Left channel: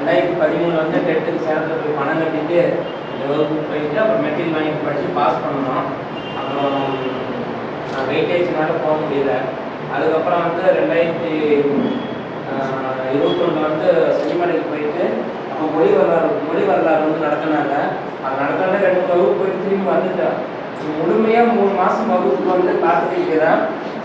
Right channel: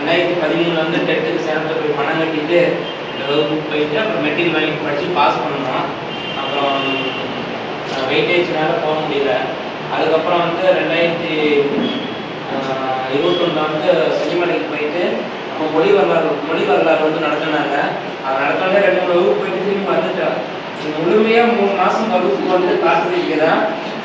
ரெண்டாயிரத்தி பதிமூணுல வந்து டென்த்துக்கு சேலத்தில் போய் பணம் கட்டிட்டு இந்த வகுப்புக்கு போயிட்டு அப்புறம் மெட்டீரியல் வாங்கி படித்து பாஸ் பண்ணோம். அப்புறம் வெயிட்டேஜ் மேலே போக முடியல. அதுக்கப்புறம் வந்து ரெண்டாயிரத்தி இருபத்தொன்னில் வந்து செஞ்சிமலைக்கு போயிட்டு அப்போ மொழி வரலாறு மொழி வரலாறு வந்து நடத்தினாங்க. அது நடத்தினாலே ரெண்டு மூணு வகுப்பு போயிட்டு திரும்பி வந்துட்டேன் முழுமையாக மூணு மாதம் வகுப்பு வந்து காத்திருக்கிறேன்.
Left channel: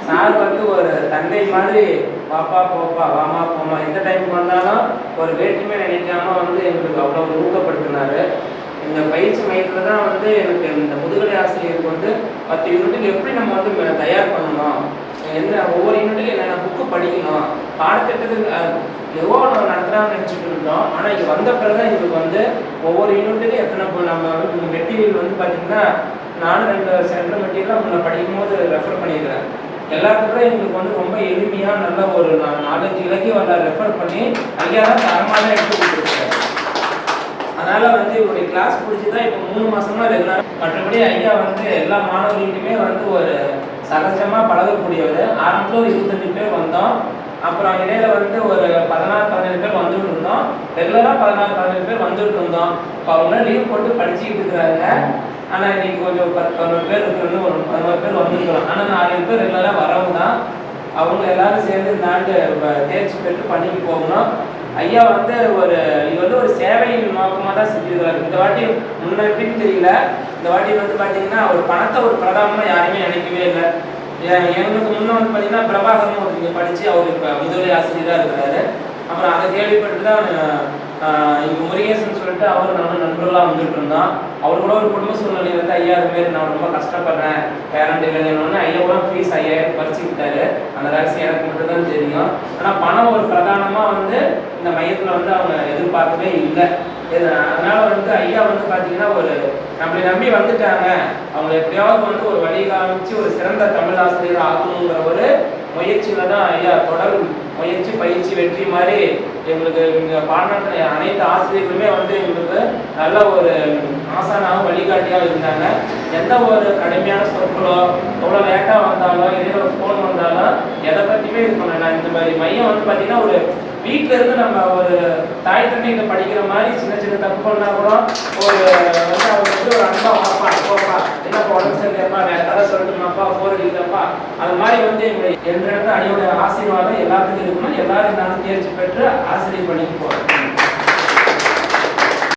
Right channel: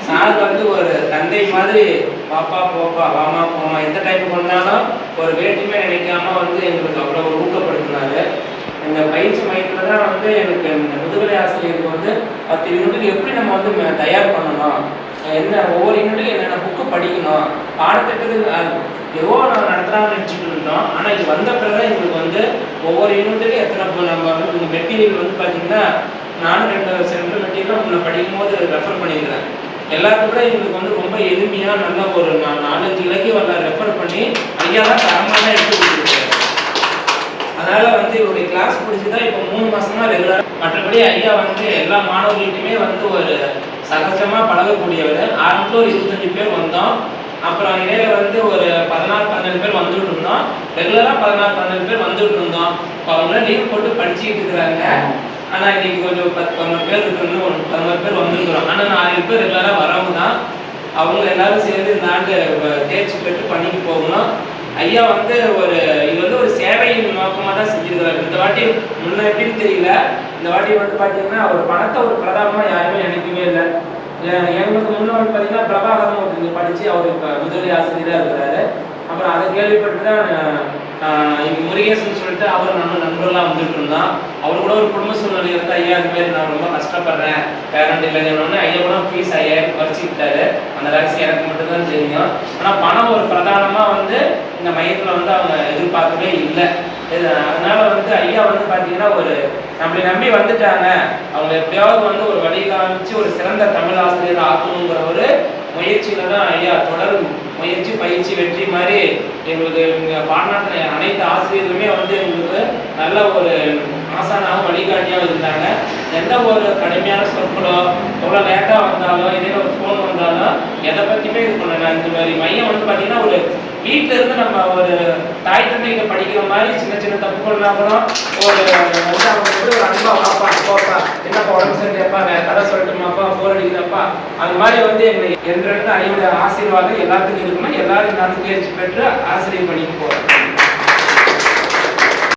சார் வந்து ஒரு தந்தை மாதிரி பாப்பா போப்பா வாமா போமா எந்த டைம் வந்தாலும் ஒரு வேற்றுமை நினைக்காம வந்து எங்களுக்கு அவ்வளோ ஊக்கப்படுத்தினாரு. எங்கள் பயிற்சி மையத்தில் தான் வந்து எனக்கு இந்த முதுகலை ஆசிரியருக்கு வந்து பத்து யூனிட்டுக்கு எப்படி நம்ம வந்து தயார் பண்ணணும்? என்ன ஒவ்வொரு யூனிட்டுக்கும் என்னென்ன புக்கு படிக்கணும்? பாடத்திட்டத்துக்கு எவ்வளோ நம்ம நடத்துகிறாங்கன்னு நினச்சிட்டு இருந்தோம். ஆனால் இது வந்த பிறகு தான் எங்களுக்கு வந்து ஒவ்வொரு யூனிட்டுக்கும் எத்தனை நம்ம வந்து இந்த மெட்டீரியல் வந்து பார்த்தீங்கன்னா நானும் ரெண்டு சென்ட்ரல் மெட்டீரியல் உங்களை படிக்கும் போது ரெஃபர் பண்ணியிருக்கிறேன். எல்லாத்துக்கும் கூட எங்களுக்கு வந்து ரொம்ப எளிமையாக நல்ல ஒரு நாலஞ்சு இலக்கிய வரலாறு ரெஃபர் பண்ணி ஐயா தான் தரமாக தான் எடுத்து கொடுத்துருக்காரு. அதனால் வந்து இவருடைய கிளாஸ் பிடிச்சதா இப்போ மூணு மாசமா ரெகுலர் மற்றபடி ஐயா வந்து எல்லா மாணவர்களுக்குமே வந்து ஒரு சகஜமா பழகக்கூடியவர். ஆரம்பத்தில் ஒரு இருபத்தஞ்சு பேர் வந்தோம். அப்புறம் இடையில வந்து ஒரு பதினாறு பதினேழு பேர் வந்துட்டு இருந்தோம். ரெகுலராக பதினாறு பதினேழு பேர் வந்துட்டு இருந்தோம். இப்போ அவங்களாம் லீவ் போட்டு படிச்சுக்கிட்டு இருக்கிறாங்க. ஆனால் இன்னைக்கு கொஞ்சம் பத்து பதினொரு பேர் இருக்கிறது வந்திருக்கிறோம். ஆனால் நாலு பேர் ரெகுலராக வரவங்க தான். அவங்க எல்லாரும் சேர்ந்து இந்த ஆண்டு தேர்ச்சி பெற்று பண்ணிட்டு போகணும். ஐயா வந்து ஒரு இது வந்து ஒரு சேவையின் நோக்கமாக தான் செஞ்சிருக்கிறாரு. இந்த வாட்டி முன்ன எப்படின்னு தெரியல. இந்த வாட்டி வந்து பார்த்தீங்கன்னா ஒரு பணத்தை ஒரு பிரதானமாக யாருமே நினைக்கவே இல்லை. எங்களுக்கு முன்ன வந்து பார்த்தீங்கன்னா பிரபாகரன் ஒரு படித்து அவர் இப்போ முதலி ஆசிரியராக இருக்கிறாரு. அப்புறம் அதை கேள்விப்பட்டு தான் இப்போ முருகேசன் சொல்லிட்டு அவர் நம்ம நண்பர்களாக வந்துட்டு இருந்தான் அவர் கூட ஒரு குடும்ப சூழ்நிலை வந்து ஐயா இது மாதிரி நான் ரொம்ப கஷ்டப்படுறேன். பேரண்ட் இல்லைன்னு ஐயா கூட ஃபீஸ் ஐயாயிரம் குறைச்சிக்கிட்டாரு அந்த ரகசியம் எனக்கு மட்டும்தான் தெரியும். ஆனால் பணம் ஒரு பிரதானமாக வந்து இந்த மையத்தில் வந்து அவங்க எதிர்பார்க்கவே இல்லை. இது அதனால வந்து ஐயா வந்து பார்த்தீங்கன்னா ஒரு நம்மளை நம்பி வந்துட்டாங்க. அவங்க எப்படியாவது வந்து ஒரு வழி காமிச்சு ஒரு சிறந்த தமிழ் ஆசிரியர் ஆக்கணுங்கிற ஒரு முயற்சியில தான் ஐயா தொடரும். முயற்சி பயிற்சி வெற்றி மாதிரி எங்களுக்கு இங்கே பாடநாட்டில் அனைத்து ஆசிரியர்களுமே வந்து எங்களுக்கு நல்ல ஒரு ஆசானாக வழிகாட்டியாக இருந்தாங்க. எந்த ஒரு கடுமையான சொற்களோ எவ்வளோ லேட்டாக வந்தாலும் இதே ஒரு ஃபோன் வந்தாலும் எதை பற்றியுமே இது பண்ணல இந்த மாதிரி மையம் வந்து பார்த்தீங்கன்னா ஒரு வீட்டில் இருந்து நம்ம ஒரு தாய் தந்தைகிட்ட படிக்கிற மாதிரி சின்ன சின்ன தப்பு பண்ணா கூட ஒரு வந்து அவங்க வந்து ஒரு அன்பா பார்ப்பான் என்னப்பா உடம்பு சரி கேட்பாங்க அது மாதிரி வந்து எங்களை என்றென்று ஐயோட ஆசீர்வாதம் எல்லாத்துக்கும் இருக்கணும் எல்லாரும் நான் தேர்ச்சி பெற்று ஆசிரியர் பண்ணிட்டு போகிறேன்